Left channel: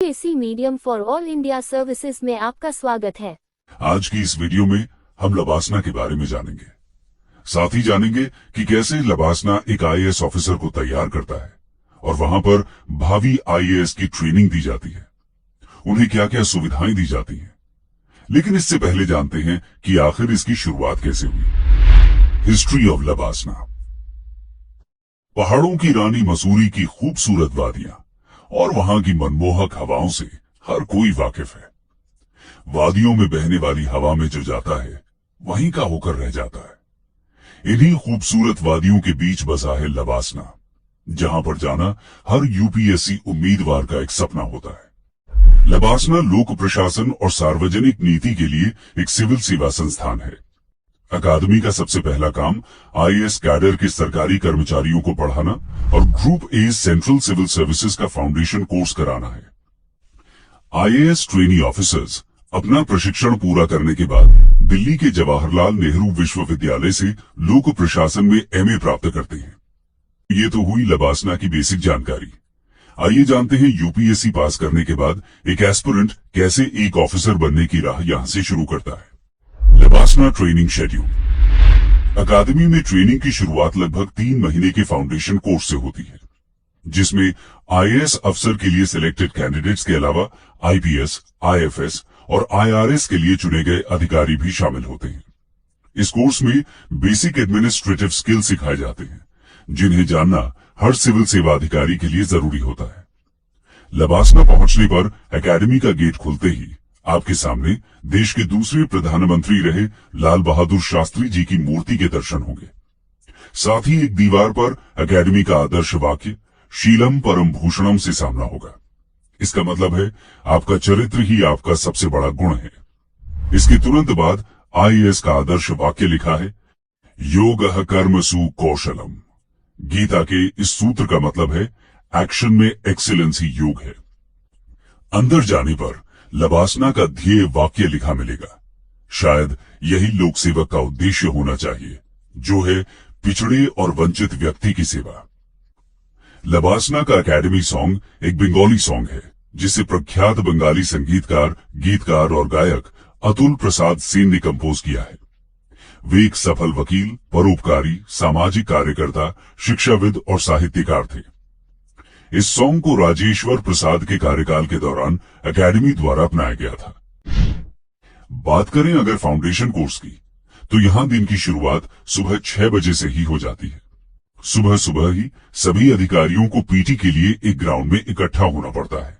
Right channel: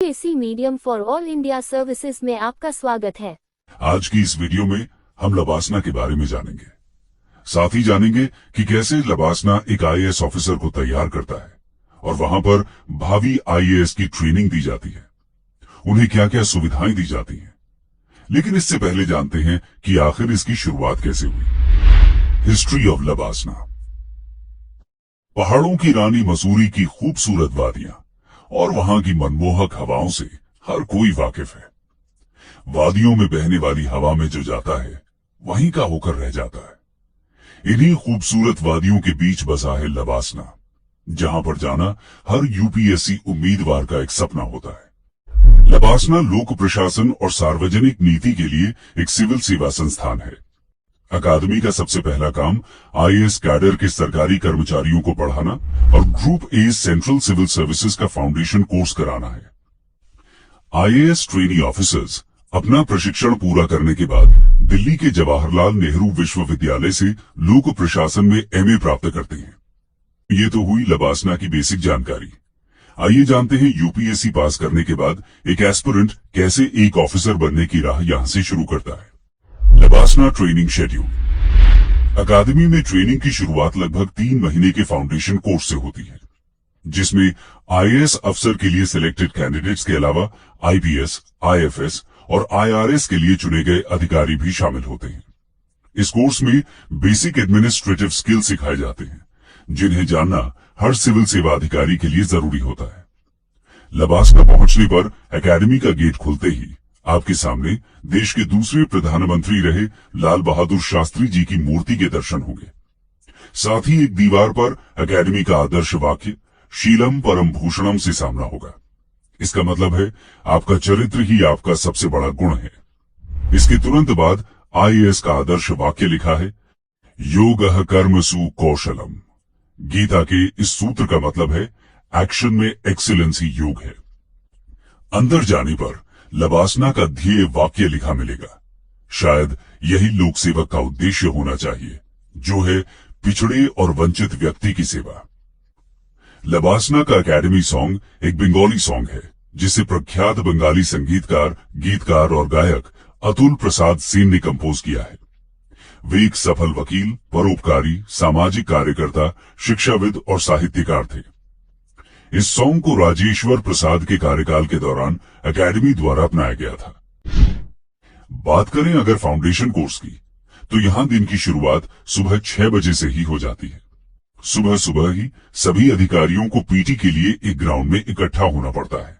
UPSC medium for all India services में आपका स्वागत है। आज की इस वीडियो में हम लबासना के बारे में जानेंगे। साथ ही जानेंगे कि कैसे लबासना एक आईएएस ऑफिसर को तैयार करता है और वहां पर भावी आईएएस की ट्रेनिंग दी जाती है, उन्हें क्या क्या सुविधाएं दी जाती हैं। लेकिन इससे पहले जानते हैं कि आखिर इसकी शुरुआत कैसे हुई। History of LBSNAA. पहाड़ों की रानी मसूरी की खूबसूरत वादियां और वहां की मनमोहक हवाओं से हर कोई वाकिफ है। वादियों में बहने वाली हवा में जो जाता है वहीं का होकर रह जाता है। इन्हीं खूबसूरत वादियों के बीच बसा है लबासना, जहां पर जाना हर यूपीएससी उम्मीदवार का एक सपना होता है। लबासना लोक प्रशासन और सार्वजनिक नीति के लिए एक सिविल सेवा संस्थान है। अकादमी का सबसे पहला काम आईएएस कैडर के सरकारी कर्मचारियों को पढ़ाना और group A central civil services का फाउंडेशन कोर्स कराना है। आईएएस ट्रेनी ऑफिसर्स अपना प्रशिक्षण पूरा करने के बाद दिल्ली के जवाहरलाल नेहरू विश्वविद्यालय से लोक प्रशासन में एमए प्राप्त करते हैं। ये तो हुई लबासना की बेसिक जानकारी। आइए जानते हैं यूपीएससी पास करने के बाद एक एस्पिरेंट कैसे एक ऑफिसर बनने की राह यहां से शुरू करता है। LBSNAA training schedule. अकादमी में ट्रेनिंग की शुरुआत लगभग 3 महीने के फाउंडेशन कोर्स से होती है, जिसमें आईएएस अफसर के लिए सिलेक्टेड कैंडिडेट्स के अलावा आईपीएस, आईएफएस और आईआरएस के लिए चुने गए अधिकारी भी शामिल होते हैं। इस कोर्स में बेसिक एडमिनिस्ट्रेटिव स्किल सिखाए जाते हैं, जिन्हें जानना हर सिविल सेवा अधिकारी के लिए जरूरी होता है। लबासना पहुंचने पर एकेडमी का गेट खुलते ही आपके सामने देश के दूसरे प्रधानमंत्री रहे लाल बहादुर शास्त्री जी की मूर्ति के दर्शन होंगे। साथ ही एक दीवार पर एकेडमी का आदर्श वाक्य शीलम परम भूषणम से सामना होगा। इसका मतलब है आपका चरित्र ही आपका सबसे बड़ा गुण है। इसके तुरंत बाद आईएएस का आदर्श वाक्य लिखा है, योगः कर्मसु कौशलम। गीता के इस सूत्र का मतलब है एक्शन में एक्सीलेंस ही योग है। अंदर जाने पर लबासना का ध्येय वाक्य लिखा मिलेगा। शायद यही लोक सेवक का उद्देश्य होना चाहिए, जो है पिछड़े और वंचित व्यक्ति की सेवा। लबासना का एकेडमी सॉन्ग एक बंगाली सॉन्ग है, जिसे प्रख्यात बंगाली संगीतकार, गीतकार और गायक अतुल प्रसाद सेन ने कंपोज किया है। वे एक सफल वकील, परोपकारी, सामाजिक कार्यकर्ता, शिक्षाविद और साहित्यकार थे। इस सॉन्ग को राजेश्वर प्रसाद के कार्यकाल के दौरान एकेडमी द्वारा अपनाया गया था। बात करें अगर फाउंडेशन कोर्स की, तो यहां दिन की शुरुआत सुबह 6 बजे से ही हो जाती है। सुबह सुबह ही सभी अधिकारियों को पीटी के लिए एक ग्राउंड में इकट्ठा होना पड़ता है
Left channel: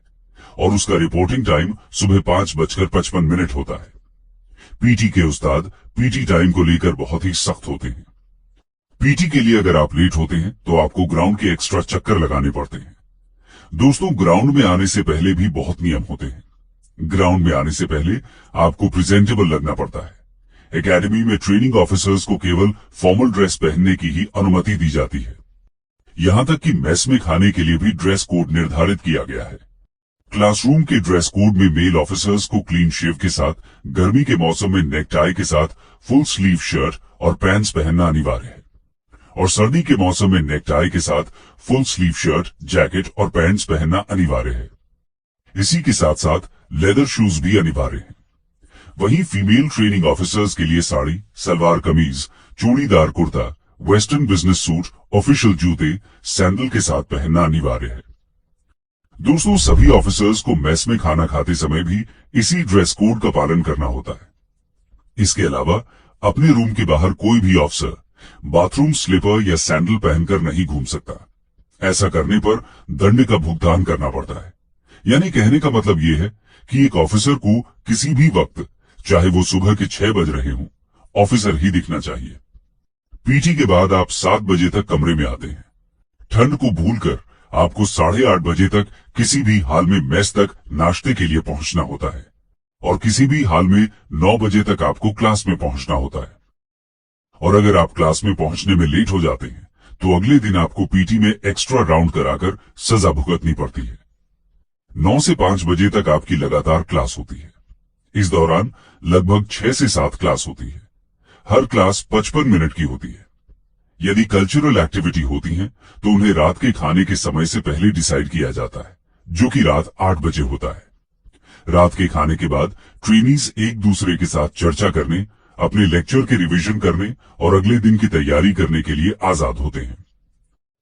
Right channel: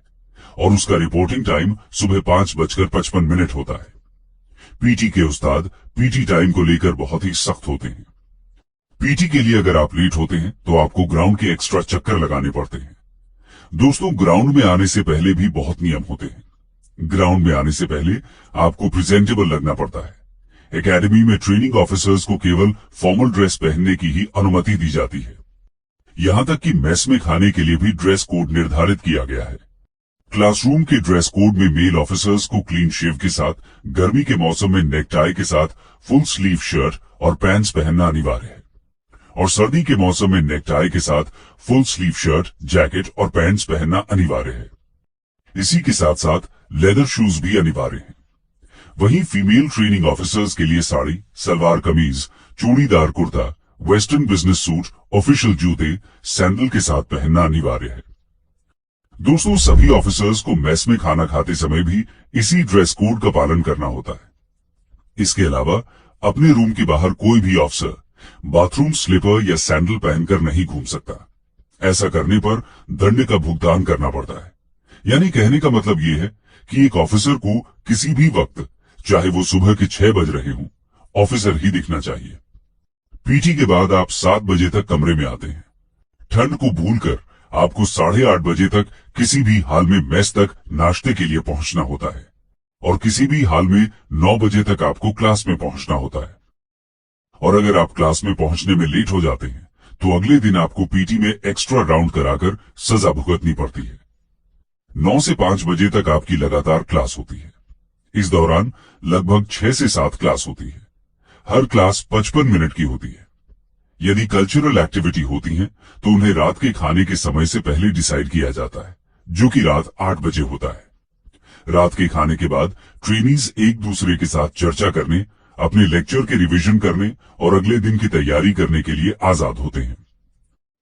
और उसका रिपोर्टिंग टाइम सुबह 5:55 होता है। पीटी के उस्ताद पीटी टाइम को लेकर बहुत ही सख्त होते हैं। पीटी के लिए अगर आप लेट होते हैं तो आपको ग्राउंड के एक्स्ट्रा चक्कर लगाने पड़ते हैं। दोस्तों, ग्राउंड में आने से पहले भी बहुत नियम होते हैं। ग्राउंड में आने से पहले आपको प्रेजेंटेबल लगना पड़ता है। एकेडमी में ट्रेनिंग ऑफिसर्स को केवल फॉर्मल ड्रेस पहनने की ही अनुमति दी जाती है। यहां तक कि मेस में खाने के लिए भी ड्रेस कोड निर्धारित किया गया है। क्लासरूम के ड्रेस कोड में मेल ऑफिसर्स को क्लीन शेव के साथ, गर्मी के मौसम में नेकटाई के साथ फुल स्लीव शर्ट और पैंट्स पहनना अनिवार्य है, और सर्दी के मौसम में नेकटाई के साथ फुल स्लीव शर्ट, जैकेट और पैंट्स पहनना अनिवार्य है। इसी के साथ साथ लेदर शूज भी अनिवार्य हैं। वहीं फीमेल ट्रेनिंग ऑफिसर्स के लिए sari, salwar kameez, churidar kurta, western business suit, official जूते, सैंडल के साथ पहनना अनिवार्य है। दोस्तों, सभी ऑफिसर्स को मेस में खाना खाते समय भी इसी ड्रेस कोड का पालन करना होता है। इसके अलावा अपने रूम के बाहर कोई भी ऑफिसर बाथरूम स्लीपर या सैंडल पहनकर नहीं घूम सकता। ऐसा करने पर दंड का भुगतान करना पड़ता है। यानी कहने का मतलब यह है कि एक ऑफिसर को किसी भी वक्त, चाहे वो सुबह के 6 बज रहे हों, ऑफिसर ही दिखना चाहिए। पीटी के बाद आप 7 बजे तक कमरे में आते हैं। ठंड को भूलकर आपको 8:30 बजे तक किसी भी हाल में मेस तक नाश्ते के लिए पहुंचना होता है, और किसी भी हाल में 9 बजे तक आपको क्लास में पहुंचना होता है। और अगर आप क्लास में पहुंचने में लेट हो जाते हैं तो अगले दिन आपको पीटी में एक्स्ट्रा राउंड कराकर सजा भुगतनी पड़ती है। 9 से 5 बजे तक आपकी लगातार क्लास होती है। इस दौरान लगभग 6 से 7 क्लास होती है। हर क्लास 55 मिनट की होती है। यदि कल्चरल एक्टिविटी होती हैं, तो उन्हें रात के खाने के समय से पहले डिसाइड किया जाता है, जो कि रात 8 बजे होता है। रात के खाने के बाद ट्रेनीज एक दूसरे के साथ चर्चा करने, अपने लेक्चर के रिवीजन करने और अगले दिन की तैयारी करने के लिए आजाद होते हैं।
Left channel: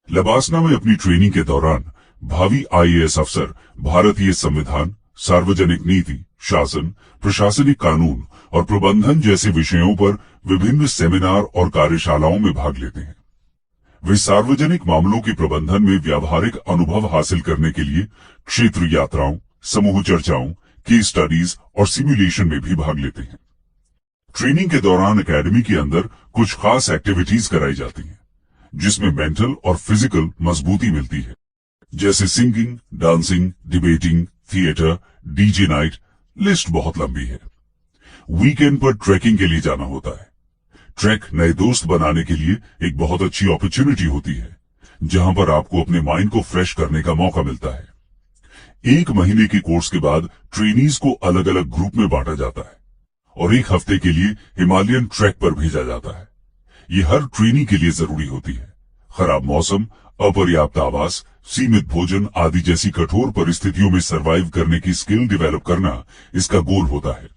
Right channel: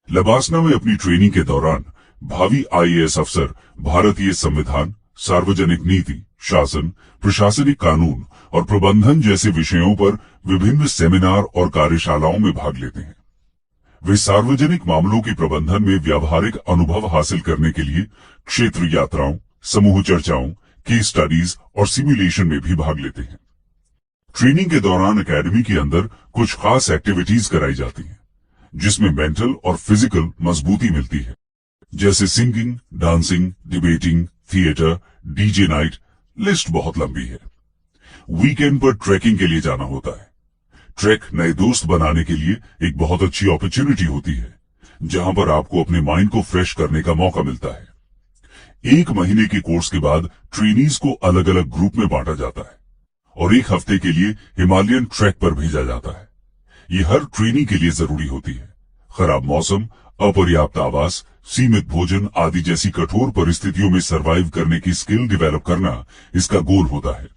लबासना में अपनी ट्रेनिंग के दौरान भावी आईएएस अफसर भारतीय संविधान, सार्वजनिक नीति, शासन, प्रशासनिक कानून और प्रबंधन जैसे विषयों पर विभिन्न सेमिनार और कार्यशालाओं में भाग लेते हैं। वे सार्वजनिक मामलों के प्रबंधन में व्यावहारिक अनुभव हासिल करने के लिए क्षेत्र यात्राओं, समूह चर्चाओं, केस स्टडीज और सिमुलेशन में भी भाग लेते हैं। ट्रेनिंग के दौरान एकेडमी के अंदर कुछ खास एक्टिविटीज कराई जाती हैं, जिसमें मेंटल और फिजिकल मजबूती मिलती है, जैसे singing, dancing, debating, theatre, DJ night. List बहुत लंबी है। वीकेंड पर ट्रैकिंग के लिए जाना होता है। ट्रैक नए दोस्त बनाने के लिए एक बहुत अच्छी अपॉर्चुनिटी होती है, जहां पर आपको अपने माइंड को फ्रेश करने का मौका मिलता है। 1 महीने के कोर्स के बाद ट्रेनीज को अलग अलग ग्रुप में बांटा जाता है और 1 हफ्ते के लिए हिमालयन ट्रैक पर भेजा जाता है। ये हर ट्रेनी के लिए जरूरी होती है। खराब मौसम, अपर्याप्त आवास, सीमित भोजन आदि जैसी कठोर परिस्थितियों में सरवाइव करने की स्किल डेवलप करना इसका गोल होता है।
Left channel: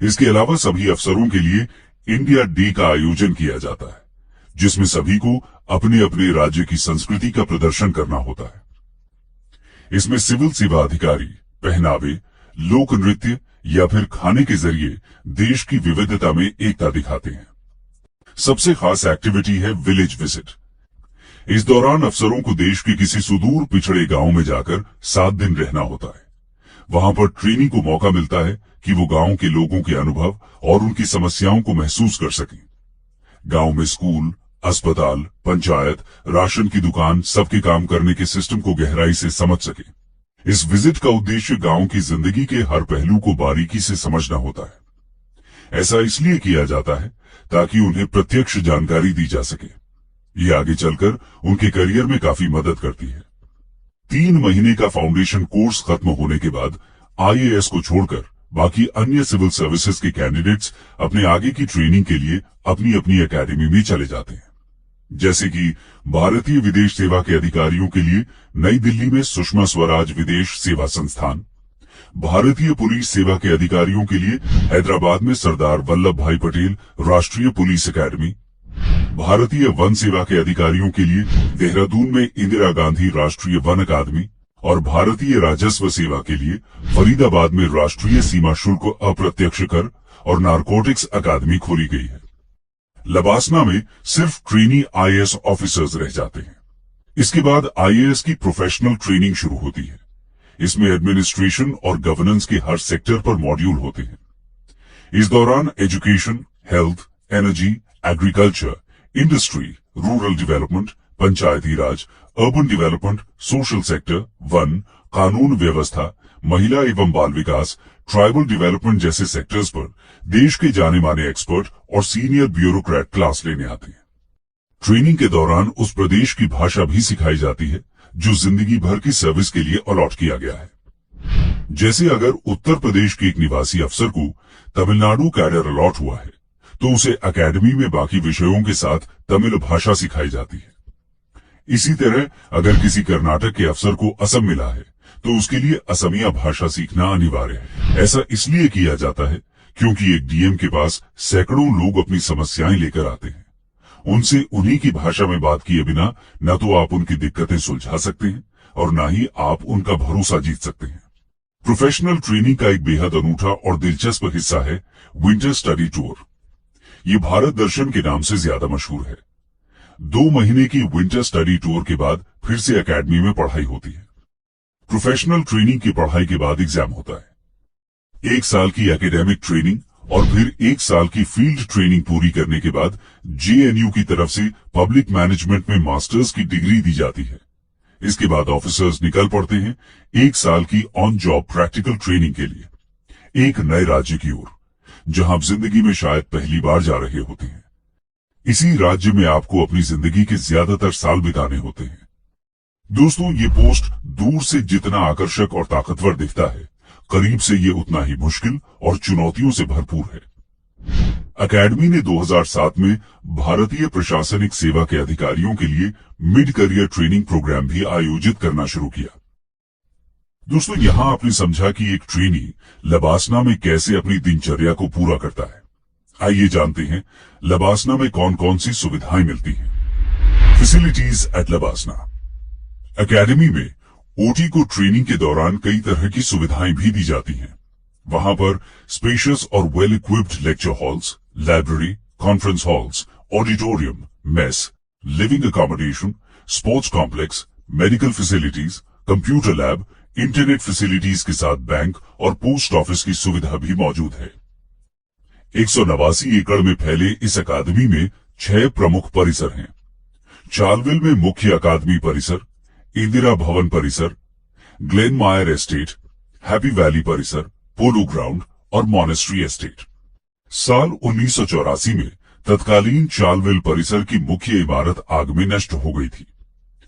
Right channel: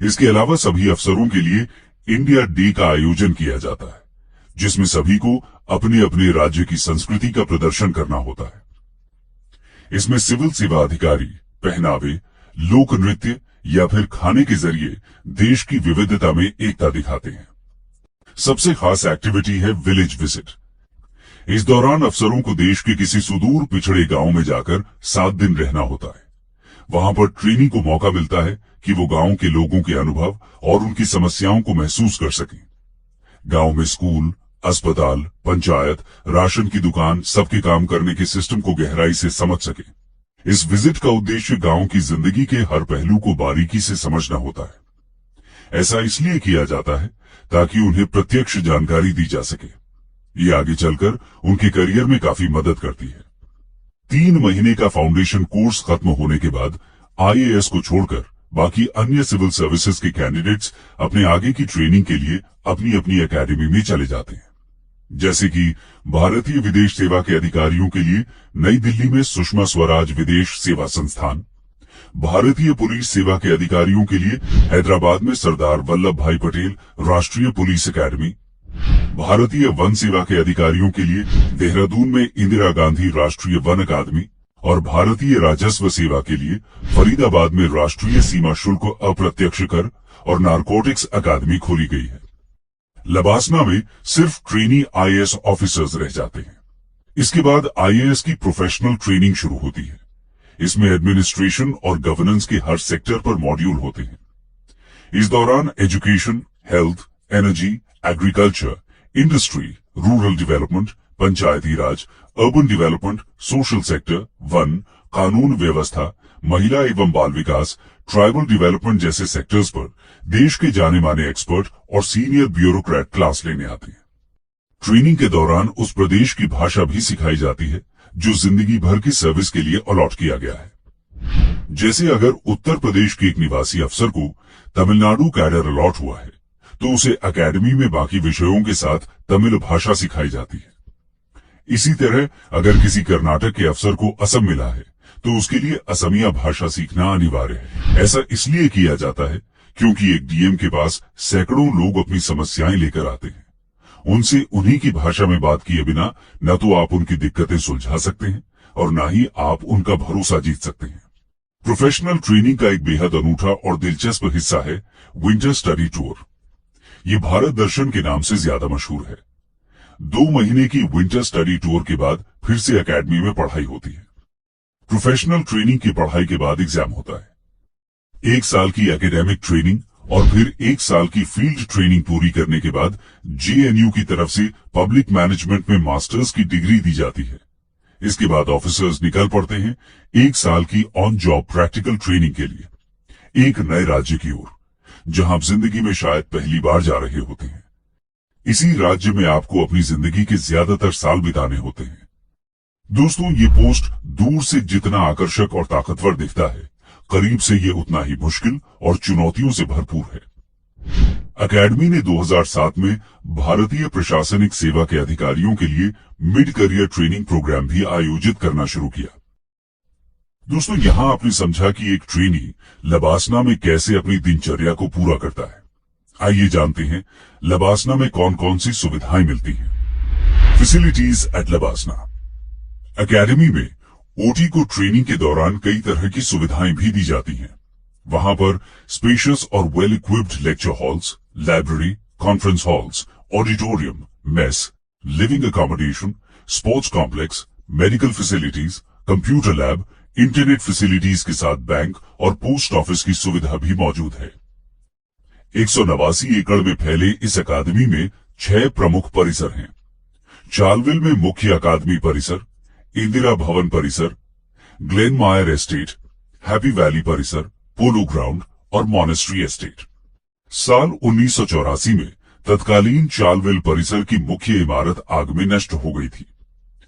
इसके अलावा सभी अफसरों के लिए इंडिया डे का आयोजन किया जाता है, जिसमें सभी को अपने अपने राज्य की संस्कृति का प्रदर्शन करना होता है। इसमें सिविल सेवा अधिकारी पहनावे, लोक नृत्य या फिर खाने के जरिए देश की विविधता में एकता दिखाते हैं। सबसे खास एक्टिविटी है विलेज विजिट। इस दौरान अफसरों को देश के किसी सुदूर पिछड़े गांव में जाकर 7 दिन रहना होता है। वहां पर ट्रेनी को मौका मिलता है कि वो गांव के लोगों के अनुभव और उनकी समस्याओं को महसूस कर सकें। गांव में स्कूल, अस्पताल, पंचायत, राशन की दुकान, सबके काम करने के सिस्टम को गहराई से समझ सकें। इस विजिट का उद्देश्य गांव की जिंदगी के हर पहलू को बारीकी से समझना होता है। ऐसा इसलिए किया जाता है ताकि उन्हें प्रत्यक्ष जानकारी दी जा सके। ये आगे चलकर उनके करियर में काफी मदद करती है। 3 महीने का फाउंडेशन कोर्स खत्म होने के बाद आईएएस को छोड़कर बाकी अन्य सिविल सर्विसेज के कैंडिडेट्स अपने आगे की ट्रेनिंग के लिए अपनी अपनी एकेडमी में चले जाते हैं। जैसे कि भारतीय विदेश सेवा के अधिकारियों के लिए नई दिल्ली में सुषमा स्वराज विदेश सेवा संस्थान, भारतीय पुलिस सेवा के अधिकारियों के लिए हैदराबाद में सरदार वल्लभ भाई पटेल राष्ट्रीय पुलिस एकेडमी, भारतीय वन सेवा के अधिकारियों के लिए देहरादून में इंदिरा गांधी राष्ट्रीय वन अकादमी और भारतीय राजस्व सेवा के लिए फरीदाबाद में राष्ट्रीय सीमा शुल्क अप्रत्यक्ष कर और नारकोटिक्स अकादमी खोली गई है। लबासना में सिर्फ ट्रेनी आईएएस ऑफिसर्स रह जाते हैं। इसके बाद आईएएस की प्रोफेशनल ट्रेनिंग शुरू होती है। इसमें एडमिनिस्ट्रेशन और गवर्नेंस के हर सेक्टर पर मॉड्यूल होते हैं। इस दौरान education, health, energy, agriculture, industry, rural development, Panchayati Raj, urban development, social sector, वन, कानून व्यवस्था, महिला एवं बाल विकास, ट्राइबल डेवलपमेंट जैसे सेक्टर्स पर देश के जाने माने एक्सपर्ट और सीनियर ब्यूरोक्रेट क्लास लेने आते हैं। ट्रेनिंग के दौरान उस प्रदेश की भाषा भी सिखाई जाती है जो जिंदगी भर की सर्विस के लिए अलॉट किया गया है। जैसे अगर उत्तर प्रदेश के एक निवासी अफसर को तमिलनाडु कैडर अलॉट हुआ है, तो उसे एकेडमी में बाकी विषयों के साथ तमिल भाषा सिखाई जाती है। इसी तरह अगर किसी कर्नाटक के अफसर को असम मिला है, तो उसके लिए असमिया भाषा सीखना अनिवार्य है। ऐसा इसलिए किया जाता है क्योंकि एक डीएम के पास सैकड़ों लोग अपनी समस्याएं लेकर आते हैं। उनसे उन्हीं की भाषा में बात किए बिना न तो आप उनकी दिक्कतें सुलझा सकते हैं और न ही आप उनका भरोसा जीत सकते हैं। प्रोफेशनल ट्रेनिंग का एक बेहद अनूठा और दिलचस्प हिस्सा है विंटर स्टडी टूर। ये भारत दर्शन के नाम से ज्यादा मशहूर है। 2 महीने की विंटर स्टडी टूर के बाद फिर से एकेडमी में पढ़ाई होती है। प्रोफेशनल ट्रेनिंग की पढ़ाई के बाद एग्जाम होता है। 1 साल की एकेडमिक ट्रेनिंग और फिर 1 साल की फील्ड ट्रेनिंग पूरी करने के बाद जेएनयू की तरफ से पब्लिक मैनेजमेंट में मास्टर्स की डिग्री दी जाती है। इसके बाद ऑफिसर्स निकल पड़ते हैं 1 साल की ऑन जॉब प्रैक्टिकल ट्रेनिंग के लिए एक नए राज्य की ओर, जहां आप जिंदगी में शायद पहली बार जा रहे होते हैं। इसी राज्य में आपको अपनी जिंदगी के ज्यादातर साल बिताने होते हैं। दोस्तों, ये पोस्ट दूर से जितना आकर्षक और ताकतवर दिखता है, करीब से ये उतना ही मुश्किल और चुनौतियों से भरपूर है। एकेडमी ने 2007 में भारतीय प्रशासनिक सेवा के अधिकारियों के लिए मिड करियर ट्रेनिंग प्रोग्राम भी आयोजित करना शुरू किया। दोस्तों, यहां आपने समझा कि एक ट्रेनी लबासना में कैसे अपनी दिनचर्या को पूरा करता है। आइए जानते हैं लबासना में कौन कौन सी सुविधाएं मिलती हैं। Facilities eight LBSNAA. एकेडमी में ओटी को ट्रेनिंग के दौरान कई तरह की सुविधाएं भी दी जाती हैं। वहां पर स्पेशियस और well equipped lecture halls, library, conference halls, auditorium, mess, living accommodation, sports complex, medical facilities, computer lab, internet facilities के साथ बैंक और पोस्ट ऑफिस की सुविधा भी मौजूद है। 189 एकड़ में फैले इस अकादमी में 6 प्रमुख परिसर हैं। चार्लविल में मुख्य अकादमी परिसर, इंदिरा भवन परिसर, ग्लेन मायर एस्टेट, हैप्पी वैली परिसर, पोलो ग्राउंड और मॉनेस्ट्री एस्टेट। साल 1984 में तत्कालीन चार्लविल परिसर की मुख्य इमारत आग में नष्ट हो गई थी।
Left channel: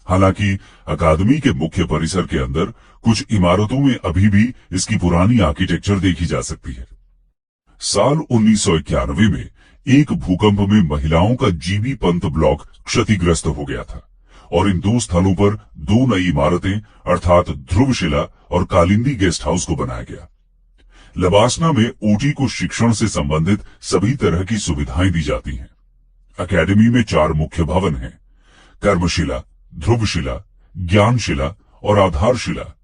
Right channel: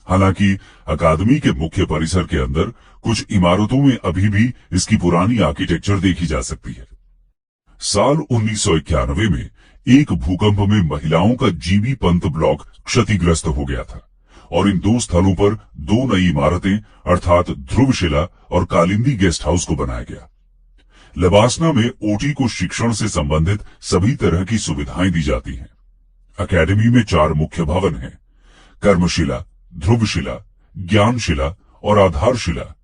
हालांकि अकादमी के मुख्य परिसर के अंदर कुछ इमारतों में अभी भी इसकी पुरानी आर्किटेक्चर देखी जा सकती है। साल 1991 में एक भूकंप में महिलाओं का जीबी पंत ब्लॉक क्षतिग्रस्त हो गया था और इन 2 स्थलों पर 2 नई इमारतें अर्थात ध्रुवशिला और कालिंदी गेस्ट हाउस को बनाया गया। लबासना में ओटी को शिक्षण से संबंधित सभी तरह की सुविधाएं दी जाती हैं। अकेडमी में 4 मुख्य भवन हैं: कर्मशिला, ध्रुवशिला, ज्ञानशिला और आधारशिला।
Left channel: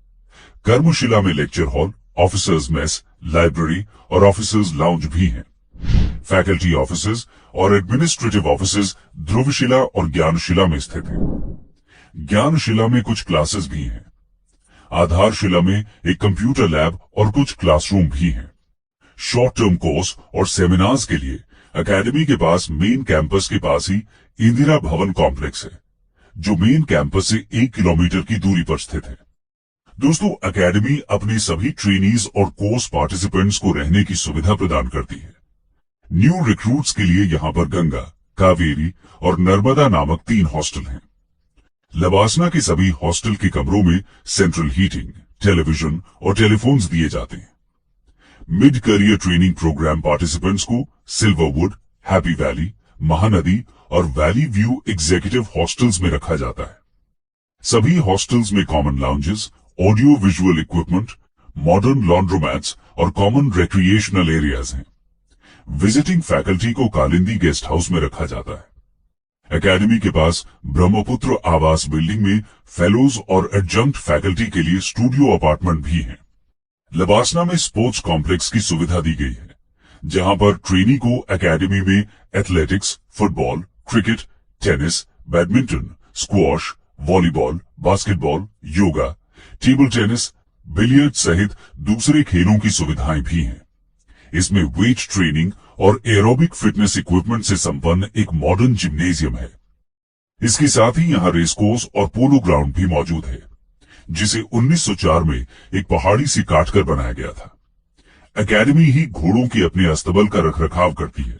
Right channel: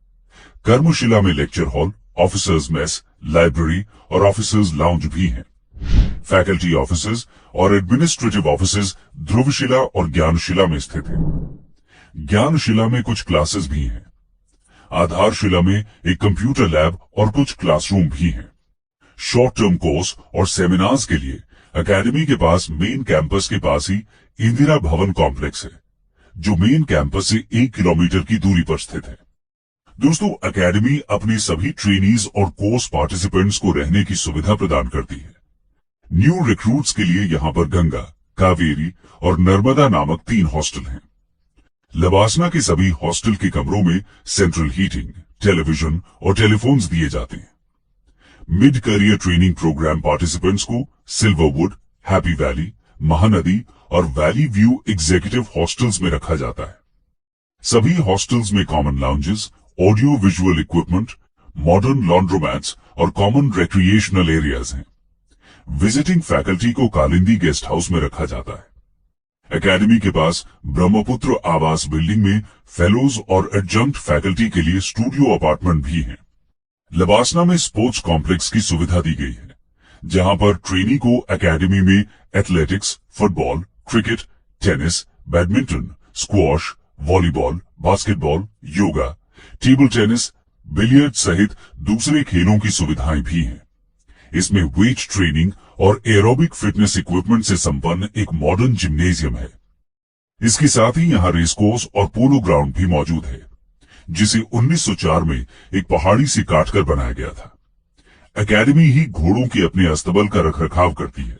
कर्मशिला में lecture hall, officers mess, library और ऑफिसर्स लाउंज भी हैं। फैकल्टी ऑफिसेज और एडमिनिस्ट्रेटिव ऑफिसेज ध्रुवशिला और ज्ञानशिला में स्थित हैं। ज्ञानशिला में कुछ क्लासेस भी हैं। आधारशिला में एक कंप्यूटर लैब और कुछ क्लासरूम भी हैं। शॉर्ट टर्म कोर्स और सेमिनार्स के लिए एकेडमी के पास मेन कैंपस के पास ही इंदिरा भवन कॉम्प्लेक्स है, जो मेन कैंपस से 1 किलोमीटर की दूरी पर स्थित है। दोस्तों, एकेडमी अपनी सभी ट्रेनीज और कोर्स पार्टिसिपेंट्स को रहने की सुविधा प्रदान करती है। न्यू रिक्रूट्स के लिए यहां पर गंगा, कावेरी और नर्मदा नामक 3 हॉस्टल हैं। लबासना के सभी हॉस्टल के कमरों में सेंट्रल हीटिंग, टेलीविजन और टेलीफोन्स दिए जाते हैं। Mid career training programme participants को सिल्वरवुड, हैप्पी वैली, महानदी और वैली व्यू एग्जीक्यूटिव हॉस्टल्स में रखा जाता है। सभी हॉस्टल्स में common lounges, audio visual equipment, modern laundromats और कॉमन रिक्रिएशनल एरियाज हैं। विजिटिंग फैकल्टी को कालिंदी गेस्ट हाउस में रखा जाता है। एकेडमी के पास ब्रह्मपुत्र आवास बिल्डिंग में फेलोज और एडजंक्ट फैकल्टी के लिए स्टूडियो अपार्टमेंट भी हैं। लबासना में स्पोर्ट्स कॉम्प्लेक्स की सुविधा दी गई है, जहां पर ट्रेनी को एकेडमी में athletics, football, cricket, tennis, badminton, squash, volleyball, basketball, yoga, table tennis, billiard सहित दूसरे खेलों की सुविधाएं भी हैं। इसमें वेट ट्रेनिंग और एरोबिक फिटनेस इक्विपमेंट से संपन्न एक मॉडर्न जिम्नेजियम है। इसके साथ ही यहां रेसकोर्स और पोलो ग्राउंड भी मौजूद है, जिसे 1904 में एक पहाड़ी से काटकर बनाया गया था। एकेडमी ही घोड़ों के अपने अस्तबल का रखरखाव करती है।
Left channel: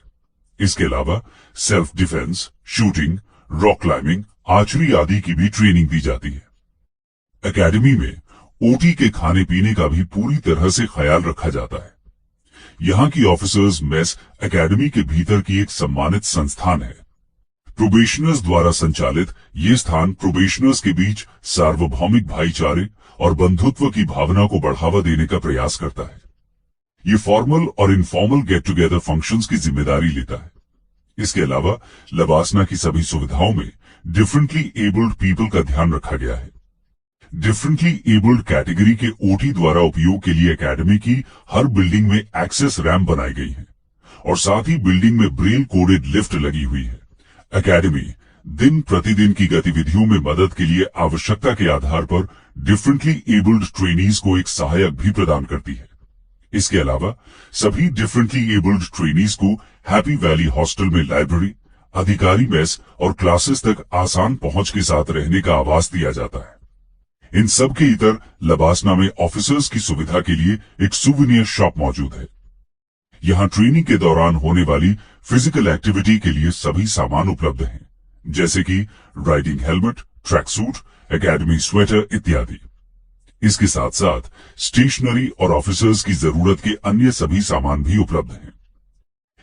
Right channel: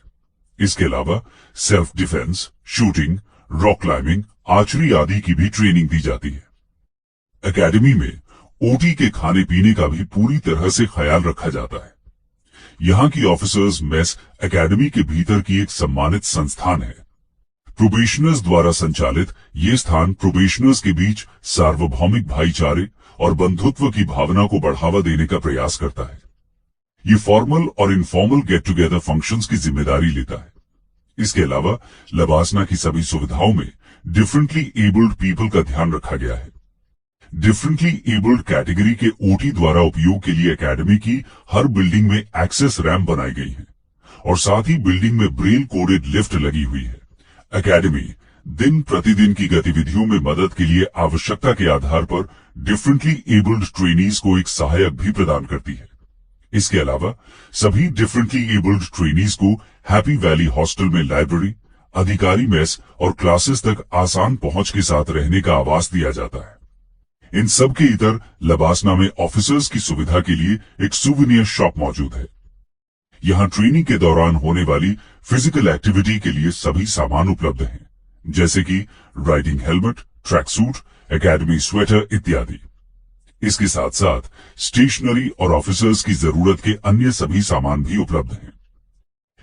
इसके अलावा self defence, shooting, rock climbing, archery आदि की भी ट्रेनिंग दी जाती है। एकेडमी में ओटी के खाने पीने का भी पूरी तरह से ख्याल रखा जाता है। यहाँ की ऑफिसर्स मेस एकेडमी के भीतर की एक सम्मानित संस्थान है। प्रोबेशनर्स द्वारा संचालित ये स्थान प्रोबेशनर्स के बीच सार्वभौमिक भाईचारे और बंधुत्व की भावना को बढ़ावा देने का प्रयास करता है। ये फॉर्मल और इनफॉर्मल गेट टुगेदर फंक्शंस की जिम्मेदारी लेता है। इसके अलावा लबासना की सभी सुविधाओं में डिफरेंटली एबल्ड पीपल का ध्यान रखा गया है। डिफरेंटली एबल्ड कैटेगरी के ओटी द्वारा उपयोग के लिए एकेडमी की हर बिल्डिंग में एक्सेस रैंप बनाई गई है और साथ ही बिल्डिंग में ब्रेल कोडेड लिफ्ट लगी हुई है। एकेडमी दिन प्रतिदिन की गतिविधियों में मदद के लिए आवश्यकता के आधार पर डिफरेंटली एबल्ड ट्रेनीज को एक सहायक भी प्रदान करती है। इसके अलावा सभी डिफरेंटली एबल्ड ट्रेनीज को हैप्पी वैली हॉस्टल में लाइब्रेरी, अधिकारी मेस और क्लासेस तक आसान पहुंच के साथ रहने का आवास दिया जाता है। इन सब के इतर लबासना में ऑफिसर्स की सुविधा के लिए एक सुवेनियर शॉप मौजूद है। यहाँ ट्रेनिंग के दौरान होने वाली फिजिकल एक्टिविटी के लिए सभी सामान उपलब्ध हैं, जैसे कि riding helmet, track suit, academy sweater इत्यादि। इसके साथ साथ स्टेशनरी और ऑफिसर्स की जरूरत के अन्य सभी सामान भी उपलब्ध हैं।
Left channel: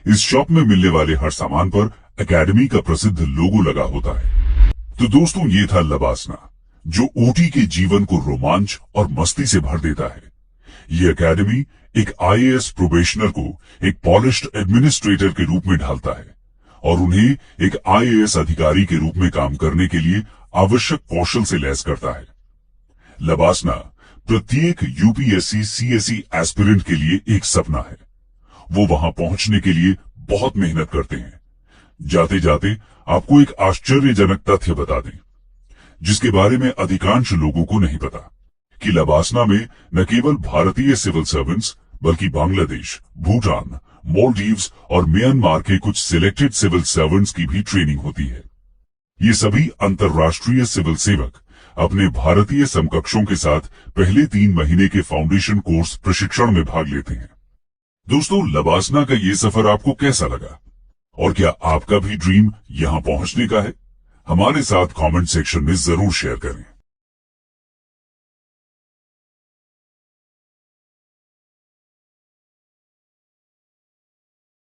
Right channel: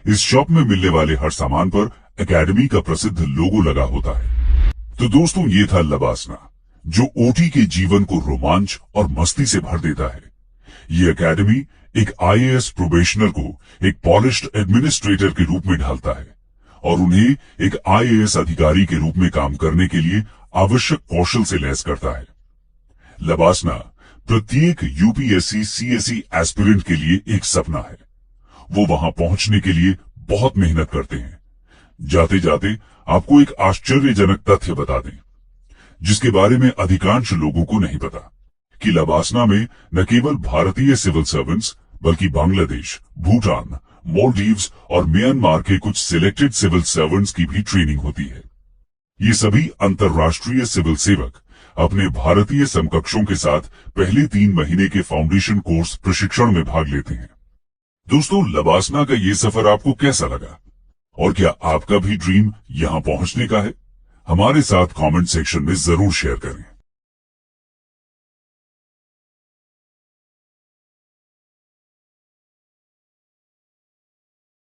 इस शॉप में मिलने वाले हर सामान पर एकेडमी का प्रसिद्ध लोगो लगा होता है। तो दोस्तों, ये था लबासना। जो ओटी के जीवन को रोमांच और मस्ती से भर देता है। ये एकेडमी एक आईएएस प्रोबेशनर को एक पॉलिश्ड एडमिनिस्ट्रेटर के रूप में ढालता है और उन्हें एक आईएएस अधिकारी के रूप में काम करने के लिए आवश्यक कौशल से लैस करता है। लबासना प्रत्येक यूपीएससी सीएसई एस्पिरेंट के लिए एक सपना है। वो वहां पहुंचने के लिए बहुत मेहनत करते हैं। जाते जाते आपको एक आश्चर्यजनक तथ्य बता दें, जिसके बारे में अधिकांश लोगों को नहीं पता, कि लबासना में न केवल भारतीय सिविल सर्वेंट्स बल्कि बांग्लादेश, भूटान, मालदीव्स और म्यांमार के कुछ सिलेक्टेड सिविल सर्वेंट्स की भी ट्रेनिंग होती है। ये सभी अंतर्राष्ट्रीय सिविल सेवक अपने भारतीय समकक्षों के साथ पहले 3 महीने के फाउंडेशन कोर्स प्रशिक्षण में भाग लेते हैं। दोस्तों, लबासना का ये सफर आपको कैसा लगा और क्या आपका भी ड्रीम यहां पहुंचने का है? हमारे साथ कमेंट सेक्शन में जरूर शेयर करें।